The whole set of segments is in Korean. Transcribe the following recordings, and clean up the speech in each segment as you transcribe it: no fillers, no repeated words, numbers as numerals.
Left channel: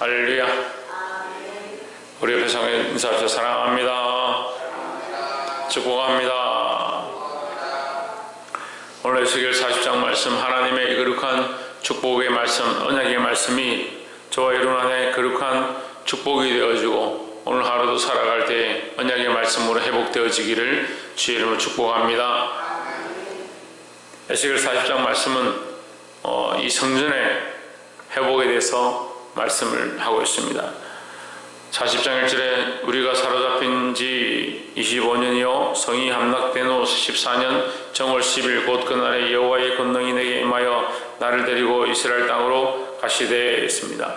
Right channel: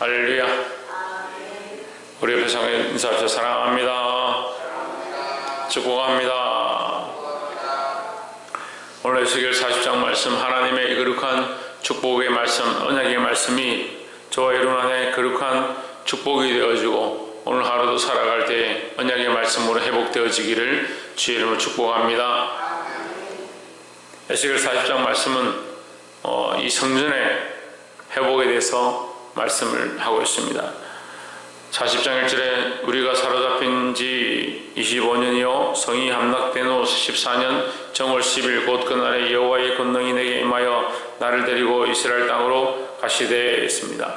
할렐루야. 우리 옆에 상에 인사합시다. 사랑합니다. 축복합니다. 오늘 에스겔 40장 말씀, 하나님의 거룩한 축복의 말씀, 언약의 말씀이 저와 여러분 안에 거룩한 축복이 되어지고 오늘 하루도 살아갈 때 언약의 말씀으로 회복되어지기를 주의 이름으로 축복합니다. 에스겔 40장 말씀은 이 성전의 회복에 대해서 말씀을 하고 있습니다. 40장 1절에 우리가 사로잡힌 지 25년이요 성이 함락된 후 14년 정월 10일 곧 그날에 여호와의 권능이 내게 임하여 나를 데리고 이스라엘 땅으로 가시되 있습니다.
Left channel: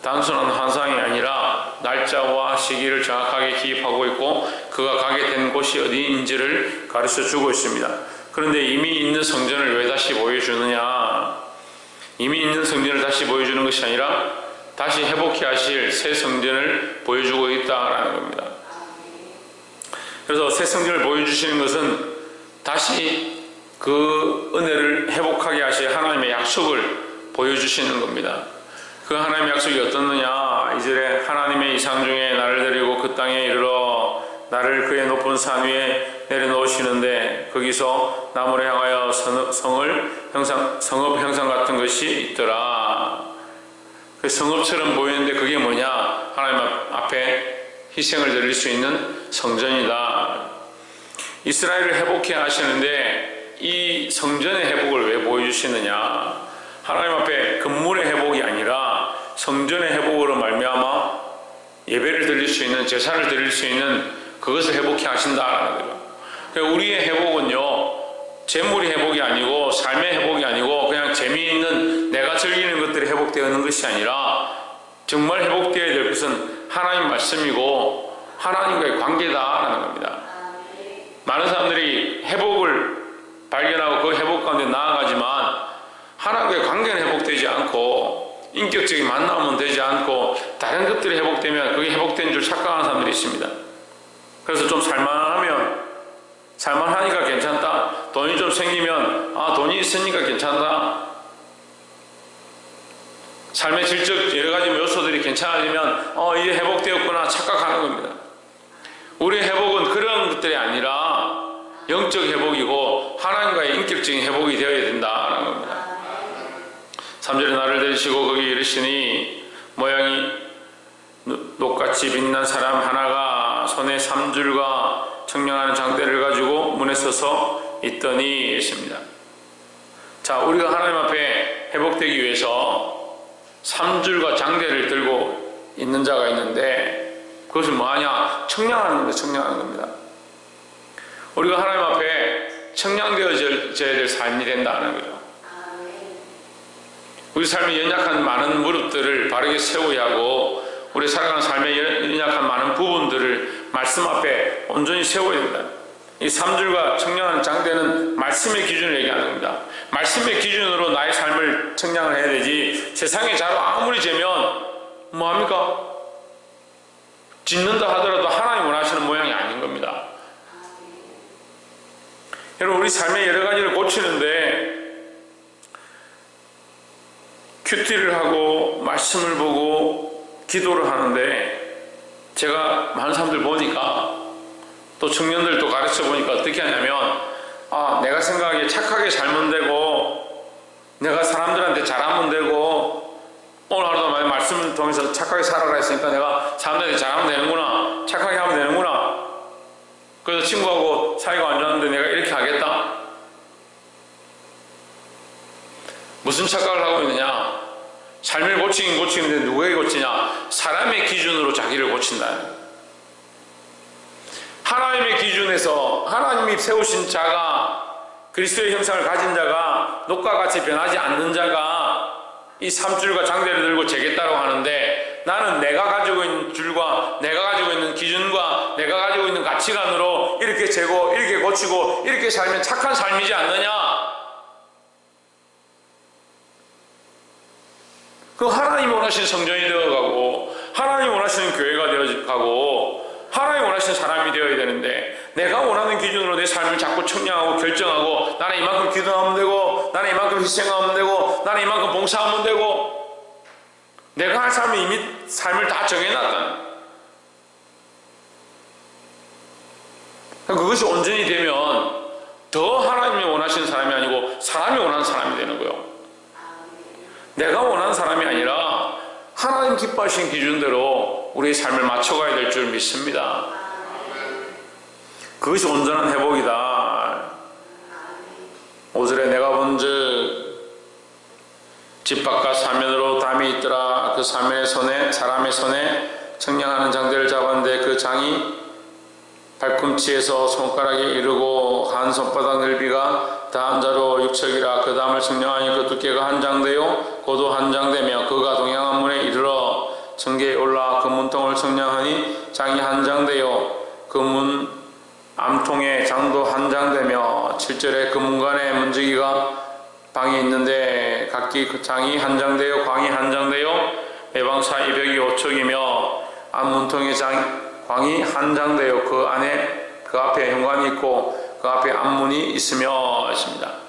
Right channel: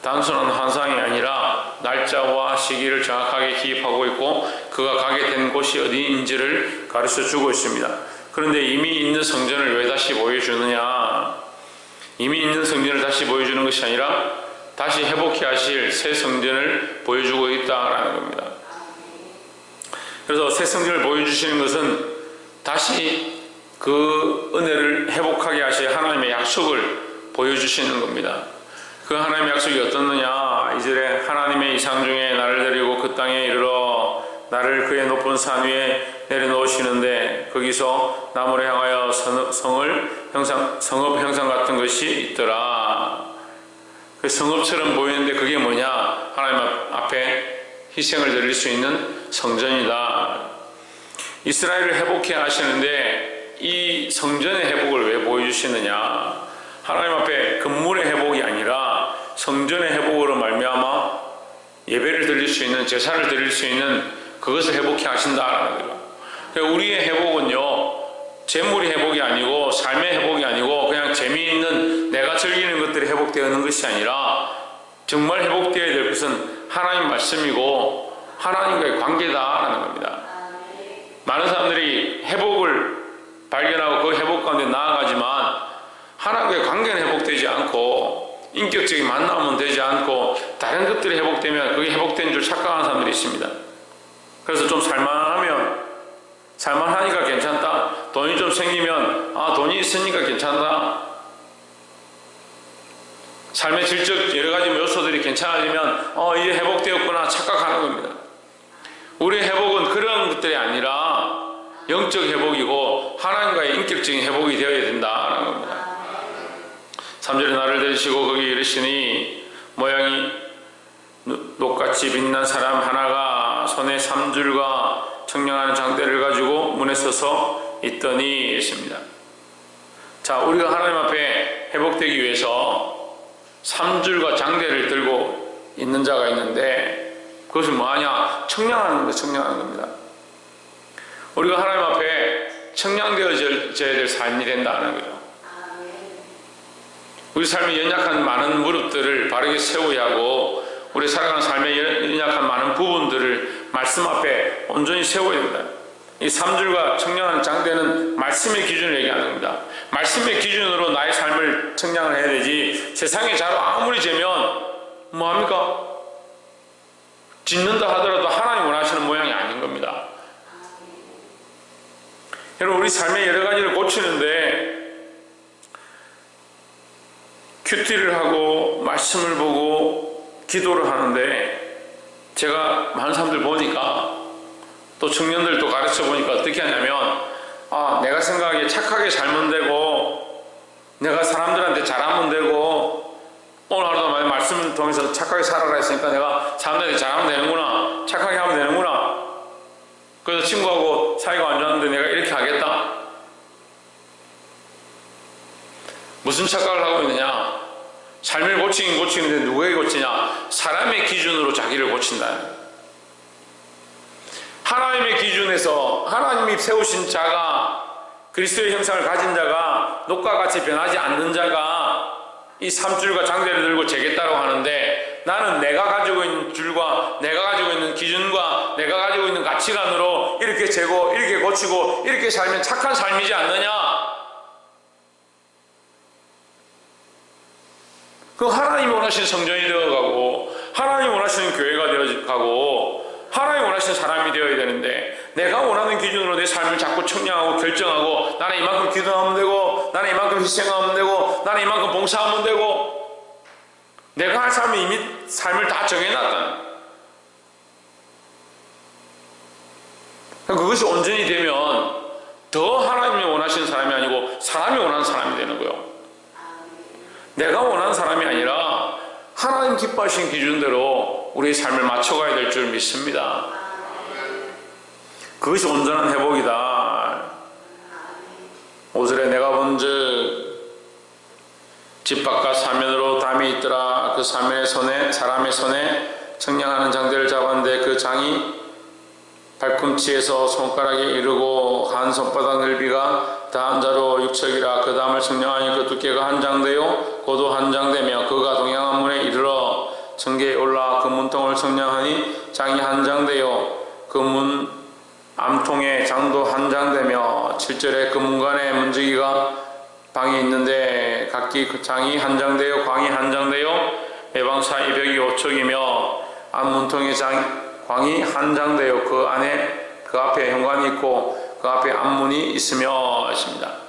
단순한 환상이 아니라 날짜와 시기를 정확하게 기입하고 있고 그가 가게 된 곳이 어디인지를 가르쳐 주고 있습니다. 그런데 이미 있는 성전을 왜 다시 보여주느냐? 이미 있는 성전을 다시 보여주는 것이 아니라 다시 회복해 하실 새 성전을 보여주고 있다라는 겁니다. 그래서 새 성전을 보여주시는 것은 다시 그 은혜를 회복하게 하실 하나님의 약속을 보여주시는 겁니다. 그 하나님의 약속이 어떻느냐? 2절에 하나님의 이상 중에 나를 데리고 그 땅에 이르러 나를 그의 높은 산 위에 내려놓으시는데 거기서 나무를 향하여 성읍 형상 같은 것이 있더라. 그 성읍처럼 보이는데 그게 뭐냐? 하나님 앞에 희생을 드릴 수 있는 성전이다. 이스라엘을 회복해 하시는데 이 성전의 회복을 왜 보여주시느냐? 하나님 앞에 건물의 회복이 아니라 성전의 회복으로 말미암아 예배를 드릴 수 있는, 제사를 드릴 수 있는 그것을 회복해 하신다라는 거죠. 그러니까 우리의 회복은요, 재물이 회복이 아니고 삶의 회복이 아니고 그냥 재미있는 내가 즐기는 것들이 회복되는 것이 아니라 정말 회복되어야 될 것은 하나님 말씀이고 하나님과의 관계다라는 겁니다. 많은 사람들이 회복을 발견하고 그 회복 가운데 나아가지만 하나님과의 관계는 회복되지 않고 인격적인 만남은 되지 않고 다른 것들이 회복되면 그게 회복된 줄 착각하는 사람들이 있습니다. 그래서 좀 살만하니까 괜찮다. 돈이 좀 생기면 돈이 있으니까 괜찮다. 삶의 질적 여러 가지 요소들이 괜찮아지면 이제 회복되었구나 착각하는 겁니다. 우리의 회복은 그런 것들이 아니라 영적 회복이고 하나님과의 인격적인 회복이 되어야 된다는 겁니다. 3절에 나를 데리시고 거기 이르시니 모양이 녹같이 빛난 사람 하나가 손에 3줄과 청량한 장대를 가지고 문에 서서 있더니 있습니다. 자, 우리가 하나님 앞에 회복되기 위해서 3줄과 장대를 들고 있는 자가 있는데 그것은 뭐하냐? 청량하는 겁니다. 우리가 하나님 앞에 청량되어져야 될 삶이 된다는 거죠. 우리 삶에 연약한 많은 무릎들을 바르게 세워야 하고 우리 살아가는 삶에 연약한 많은 부분들을 말씀 앞에 온전히 세워야 됩니다. 이 3줄과 청량한 장대는 말씀의 기준을 얘기하는 겁니다. 말씀의 기준으로 나의 삶을 청량을 해야 되지 세상의 자로 아무리 재면 뭐합니까? 짓는다 하더라도 하나님 원하시는 모양이 아닌 겁니다. 여러분, 우리 삶의 여러 가지를 고치는데 큐티를 하고 말씀을 보고 기도를 하는데 제가 많은 사람들 보니까 또 청년들도 가르쳐 보니까 어떻게 하냐면 내가 생각하기에 착하게 살면 되고 내가 사람들한테 잘하면 되고 오늘 하루도 말씀을 통해서 착하게 살아라 했으니까 내가 사람들한테 잘하면 되는구나, 착하게 하면 되는구나, 그래서 친구하고 사이가 안 좋았는데 내가 이렇게 하겠다. 무슨 착각을 하고 있느냐? 삶을 고치긴 고치는데 누구에게 고치냐? 사람의 기준으로 자기를 고친다. 하나님의 기준에서 하나님이 세우신 자가, 그리스도의 형상을 가진 자가, 녹과 같이 변하지 않는 자가 이 3줄과 장대를 들고 재겠다고 하는데 나는 내가 가지고 있는 줄과 내가 가지고 있는 기준과 내가 가지고 있는 가치관으로 이렇게 재고 이렇게 고치고 이렇게 살면 착한 삶이지 않느냐? 그 하나님이 원하시는 성전이 되어가고 하나님이 원하시는 교회가 되어가고 하나님이 원하시는 사람이 되어야 되는데 내가 원하는 기준으로 내 삶을 자꾸 청량하고 결정하고 나는 이만큼 기도하면 되고 나는 이만큼 희생하면 되고 나는 이만큼 봉사하면 되고 내가 할 삶은 이미 삶을 다 정해놨다. 그것이 온전히 되면 더 하나님이 원하시는 사람이 아니고 사람이 원하는 사람이 되는 거예요. 내가 원하는 사람이 아니라 하나님 기뻐하시는 기준대로 우리의 삶을 맞춰가야 될 줄 믿습니다. 그것이 온전한 회복이다. 5절에 내가 본즉 집 바깥 사면으로 담이 있더라. 그 사면의 손에 사람의 손에 청량하는 장대를 잡았는데 그 장이 발꿈치에서 손가락에 이르고 한 손바닥 넓이가 다한 자로 6척이라. 그 담을 청량하니 그 두께가 한 장대요 고도 한 장대며 그가 동양한 문에 이르러 청계에 올라 그 문통을 청량하니 장이 한 장대요 그 문 암통의 장도 한 장대며 7절에 그 문간에 문지기가 방이 있는데 각기 그 장이 한 장대요 광이 한 장대요 매방 사이 벽이 5척이며 앞문통의 광이 한 장대요 그 안에 그 앞에 현관이 있고 그 앞에 앞문이 있으며 있습니다.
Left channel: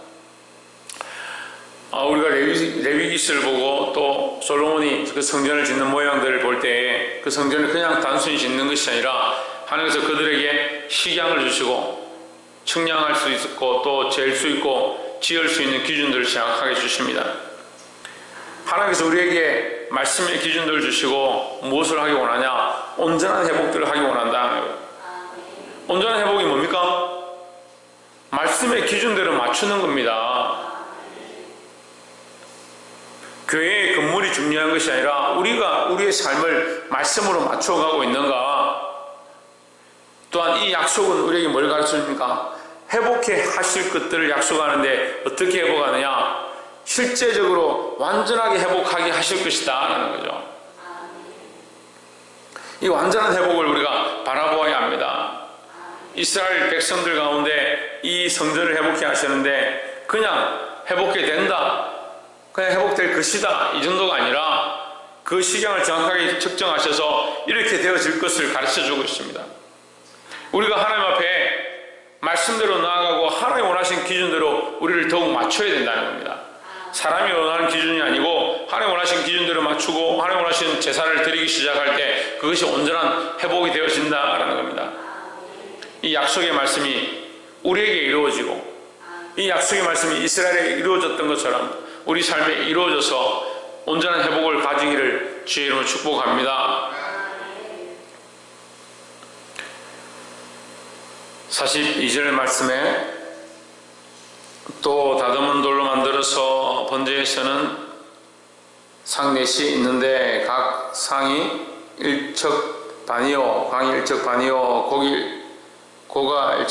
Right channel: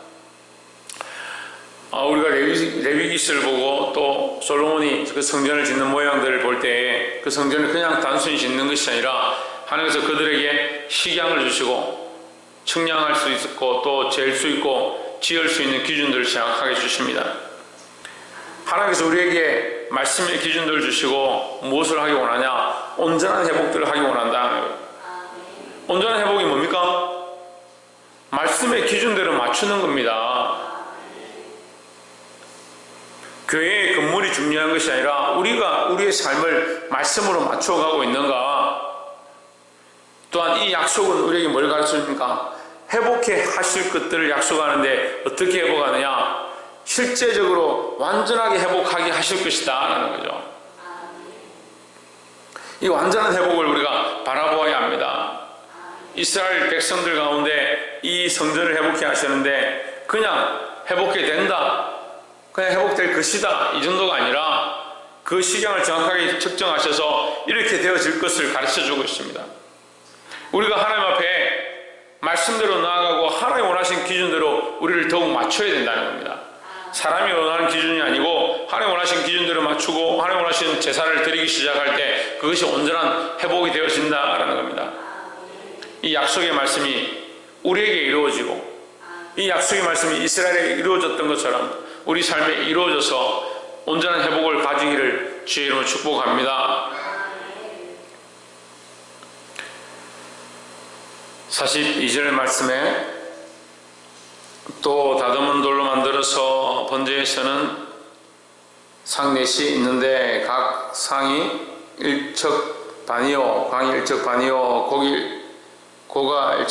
우리가 레위기스를 보고 또 솔로몬이 그 성전을 짓는 모양들을 볼 때 그 성전을 그냥 단순히 짓는 것이 아니라 하나님께서 그들에게 식양을 주시고 측량할 수 있고 또 잴 수 있고 지을 수 있는 기준들을 정확하게 주십니다. 하나님께서 우리에게 말씀의 기준들을 주시고 무엇을 하기 원하냐? 온전한 회복들을 하기 원한다. 온전한 회복이 뭡니까? 말씀의 기준대로 맞추는 겁니다. 교회의 건물이 중요한 것이 아니라 우리가 우리의 삶을 말씀으로 맞춰가고 있는가? 또한 이 약속은 우리에게 뭘 가르쳐줍니까? 회복해 하실 것들을 약속하는데 어떻게 회복하느냐? 실제적으로 완전하게 회복하게 하실 것이다 라는 거죠. 이 완전한 회복을 우리가 바라보아야 합니다. 이스라엘 백성들 가운데 이 성전을 회복해 하시는데 그냥 회복해 된다, 그냥 회복될 것이다 이 정도가 아니라 그 시간을 정확하게 측정하셔서 이렇게 되어질 것을 가르쳐주고 있습니다. 우리가 하나님 앞에 말씀대로 나아가고 하나님 원하신 기준대로 우리를 더욱 맞춰야 된다는 겁니다. 사람이 원하는 기준이 아니고 하나님 원하신 기준대로 맞추고 하나님 원하신 제사를 드리기 시작할 때 그것이 온전한 회복이 되어진다라는 겁니다. 이 약속의 말씀이 우리에게 이루어지고 이 약속의 말씀이 이스라엘에 이루어졌던 것처럼 우리 삶에 이루어져서 온전한 회복을 가지기를 주의 이름으로 축복합니다. 42절 말씀에 또 다듬은 돌로 만들어서 번제에서는 상 넷이 있는데 각 상이 1척 반이요 광이 1척 반이요 고가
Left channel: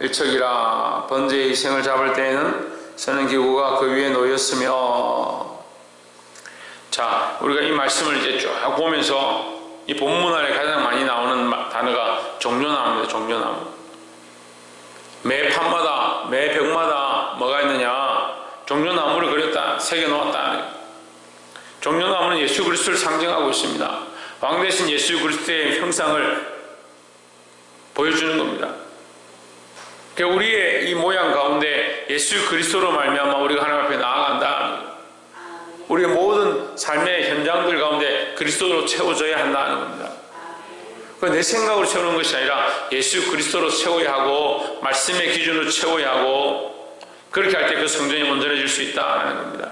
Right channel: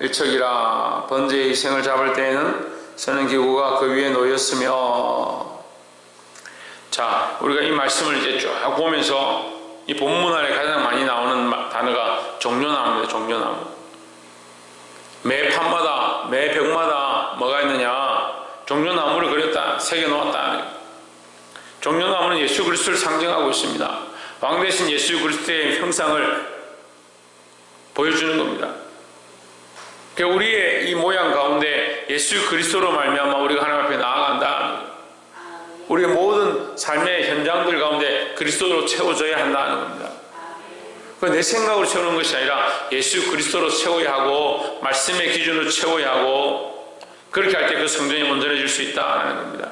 1척이라 번제의 생을 잡을 때에는 서는 기구가 그 위에 놓였으며. 자, 우리가 이 말씀을 이제 쭉 보면서 이 본문 안에 가장 많이 나오는 단어가 종려나무입니다. 종려나무. 매 판마다 매 벽마다 뭐가 있느냐? 종려나무를 그렸다, 새겨놓았다. 종려나무는 예수 그리스도를 상징하고 있습니다. 왕 대신 예수 그리스도의 형상을 보여주는 겁니다. 우리의 이 모양 가운데 예수 그리스도로 말미암아 우리가 하나님 앞에 나아간다. 우리의 모든 삶의 현장들 가운데 그리스도로 채워져야 한다는 겁니다. 내 생각으로 채우는 것이 아니라 예수 그리스도로 채워야 하고 말씀의 기준으로 채워야 하고 그렇게 할 때 그 성전이 온전해질 수 있다는 겁니다.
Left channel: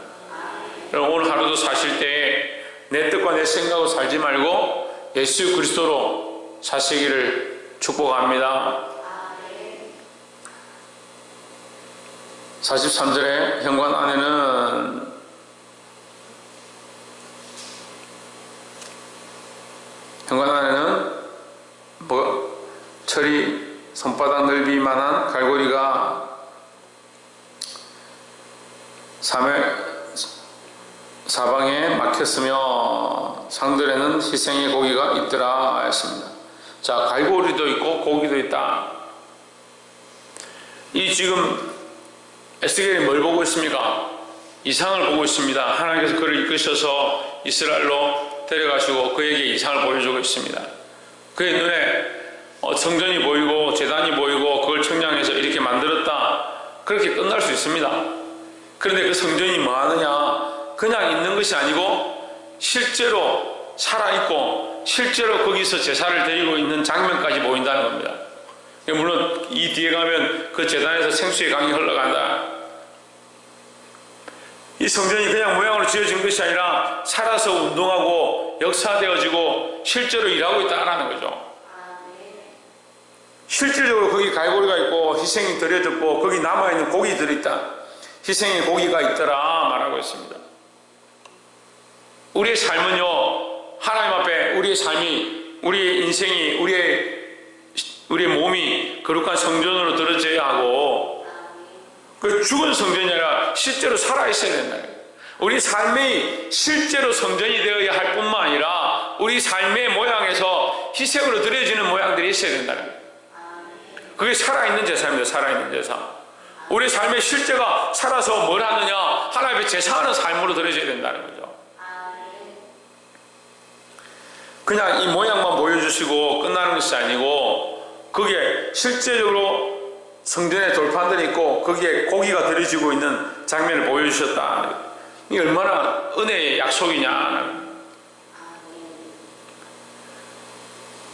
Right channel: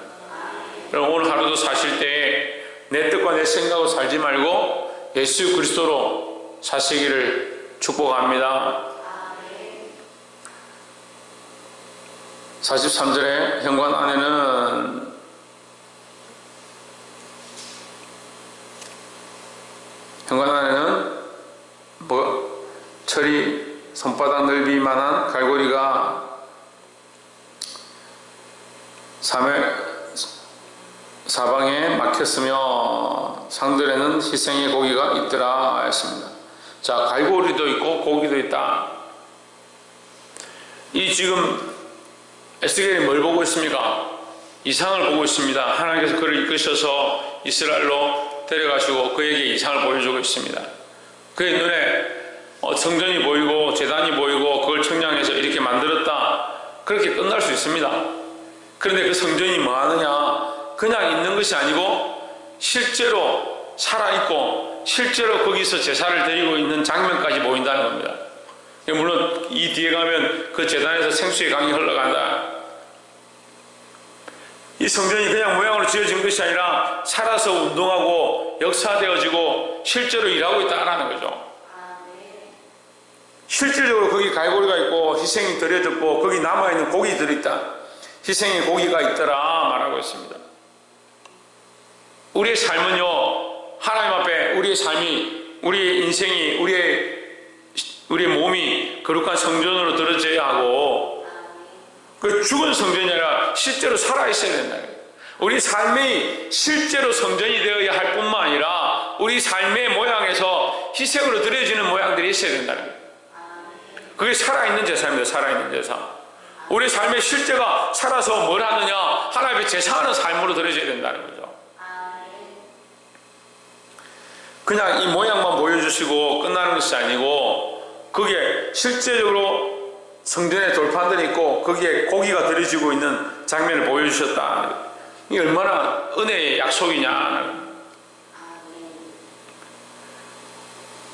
여러분 오늘 하루도 사실 때 내 뜻과 내 생각으로 살지 말고 예수 그리스도로 사시기를 축복합니다. 43절에 현관 안에는 철이 손바닥 넓이만한 갈고리가 사방에 막혔으며 상들에는 희생의 고기가 있더라 했습니다. 자, 갈고리도 있고 고기도 있다. 이 지금 에스겔이 뭘 보고 있습니까? 이상을 보고 있습니다. 하나님께서 그를 이끄셔서 이스라엘로 데려가시고 그에게 이상을 보여주고 있습니다. 그의 눈에 성전이 보이고 제단이 보이고 그걸 청량해서 이렇게 만들었다. 그렇게 끝날 수 있습니다. 그런데 그 성전이 뭐 하느냐? 그냥 있는 것이 아니고 실제로 살아있고 실제로 거기서 제사를 드리고 있는 장면까지 보인다는 겁니다. 물론 이 뒤에 가면 그 제단에서 생수의 강이 흘러간다. 이 성전이 그냥 모양으로 지어진 것이 아니라 살아서 운동하고 역사되어지고 실제로 일하고 있다는 거죠. 실질적으로 거기 갈고리가 있고 희생이 드려졌고 거기 남아있는 고기 들어있다. 희생의 고기가 있더라 말하고 있습니다. 우리의 삶은요, 하나님 앞에 우리의 삶이, 우리의 인생이, 우리의 몸이 거룩한 성전으로 들어져야 하고, 그 죽은 성전이 아니라 실제로 살아있어야 된다는 거예요. 우리 삶이 실제로 성전이 되어야 할 뿐만 아니라 우리 삶의 모양에서 희생으로 드려지는 모양들이 있어야 된다는 거예요. 그게 살아있는 제사입니다. 살아있는 제사. 우리 삶의 실제가 살아서 뭘 하느냐, 하나님 앞에 제사하는 삶으로 드려져야 된다는 거죠. 그냥 이 모양만 보여주시고 끝나는 것이 아니고 그게 실제적으로 성전에 돌판들이 있고 거기에 고기가 들여지고 있는 장면을 보여주셨다. 이게 얼마나 은혜의 약속이냐.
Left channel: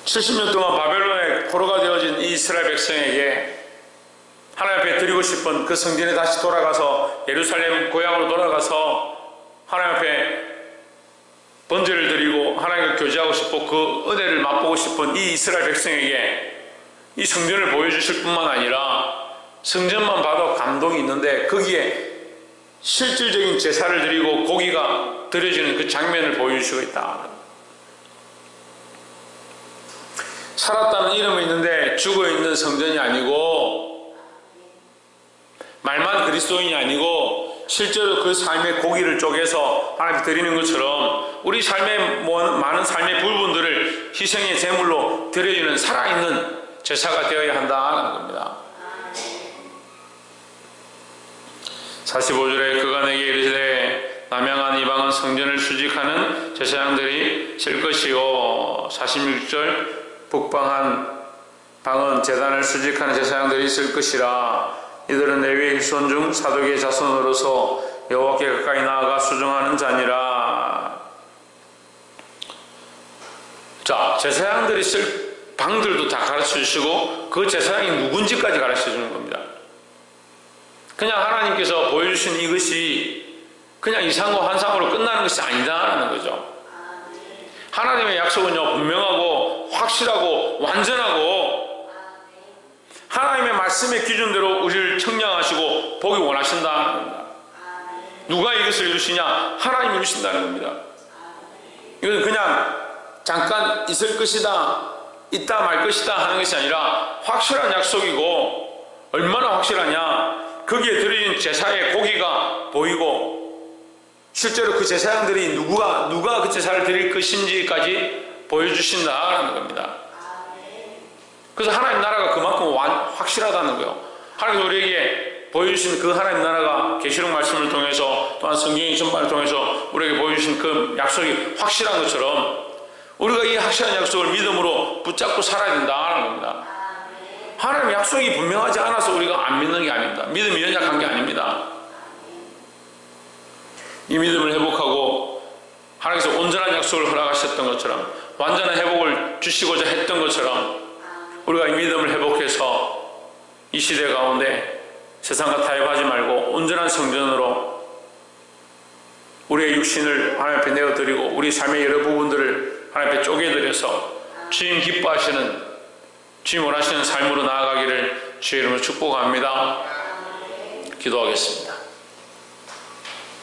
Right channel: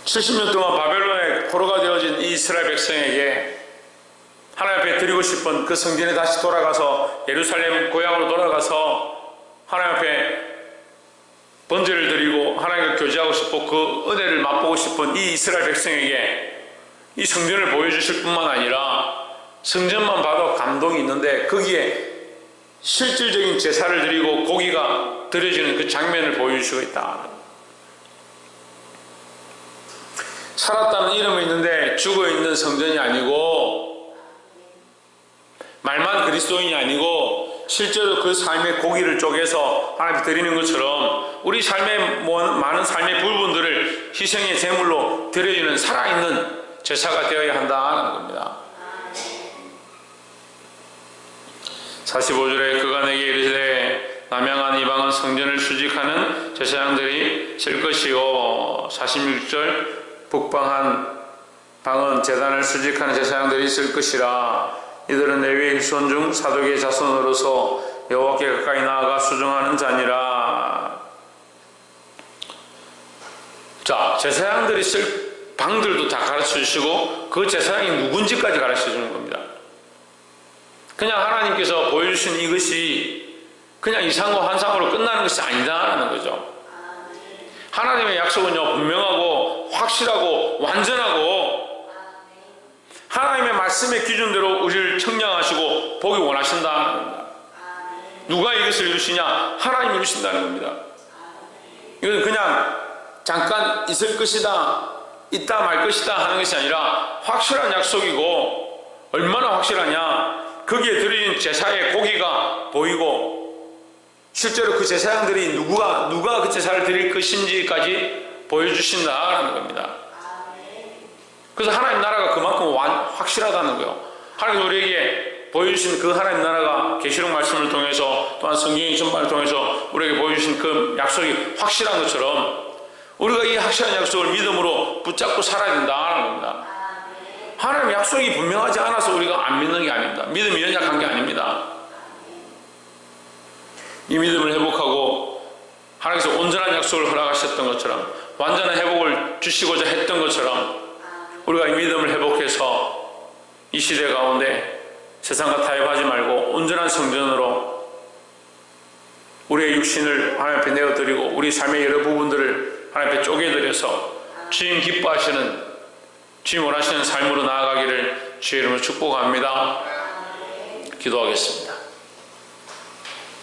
70년 동안 바벨론의 포로가 되어진 이스라엘 백성에게 하나님 앞에 드리고 싶은 그 성전에 다시 돌아가서 예루살렘 고향으로 돌아가서 하나님 앞에 번제를 드리고 하나님과 교제하고 싶고 그 은혜를 맛보고 싶은 이 이스라엘 백성에게 이 성전을 보여주실 뿐만 아니라 성전만 봐도 감동이 있는데 거기에 실질적인 제사를 드리고 고기가 드려지는 그 장면을 보여주시고 있다. 살았다는 이름이 있는데 죽어있는 성전이 아니고 말만 그리스도인이 아니고 실제로 그 삶의 고기를 쪼개서 하나님께 드리는 것처럼 우리 삶의 많은 삶의 부분들을 희생의 제물로 드려지는 살아있는 제사가 되어야 한다는 겁니다. 45절에 그가 내게 이르시되 남양한 이방은 성전을 수직하는 제사장들이 쓸 것이요 46절 북방한 방은 제단을 수직하는 제사장들이 있을 것이라. 이들은 레위의 후손 중 사독의 자손으로서 여호와께 가까이 나아가 수종하는 자니라. 자, 제사장들이 쓸 방들도 다 가르쳐 주시고 그 제사장이 누군지까지 가르쳐 주는 겁니다. 그냥 하나님께서 보여주신 이것이 그냥 이상과 환상으로 끝나는 것이 아니다라는 거죠. 하나님의 약속은요, 분명하고 확실하고 완전하고 하나님의 말씀의 기준대로 우리를 청량하시고 보기 원하신다는 겁니다. 누가 이것을 이루시냐? 하나님이 이루신다는 겁니다. 이것은 그냥 잠깐 있을 것이다, 있다 말 것이다 하는 것이 아니라 확실한 약속이고, 얼마나 확실하냐? 거기에 드려진 제사의 고기가 보이고 실제로 그 제사장들이 누가 그 제사를 드릴 것인지까지 보여주신다라는 겁니다. 그래서 하나님 나라가 그만큼 확실하다는 거예요. 하나님 우리에게 보여주신 그 하나님 나라가 계시록 말씀을 통해서 또한 성경의 전반을 통해서 우리에게 보여주신 그 약속이 확실한 것처럼 우리가 이 확실한 약속을 믿음으로 붙잡고 살아야 된다는 겁니다. 하나님 약속이 분명하지 않아서 우리가 안 믿는 게 아닙니다. 믿음이 연약한 게 아닙니다. 이 믿음을 회복하고 하나님께서 온전한 약속을 허락하셨던 것처럼 완전한 회복을 주시고자 했던 것처럼 우리가 이 믿음을 회복해서 이 시대 가운데 세상과 타협하지 말고 온전한 성전으로 우리의 육신을 하나님 앞에 내어드리고 우리 삶의 여러 부분들을 하나님 앞에 쪼개드려서 주님 기뻐하시는, 주님 원하시는 삶으로 나아가기를 주의 이름으로 축복합니다. 기도하겠습니다.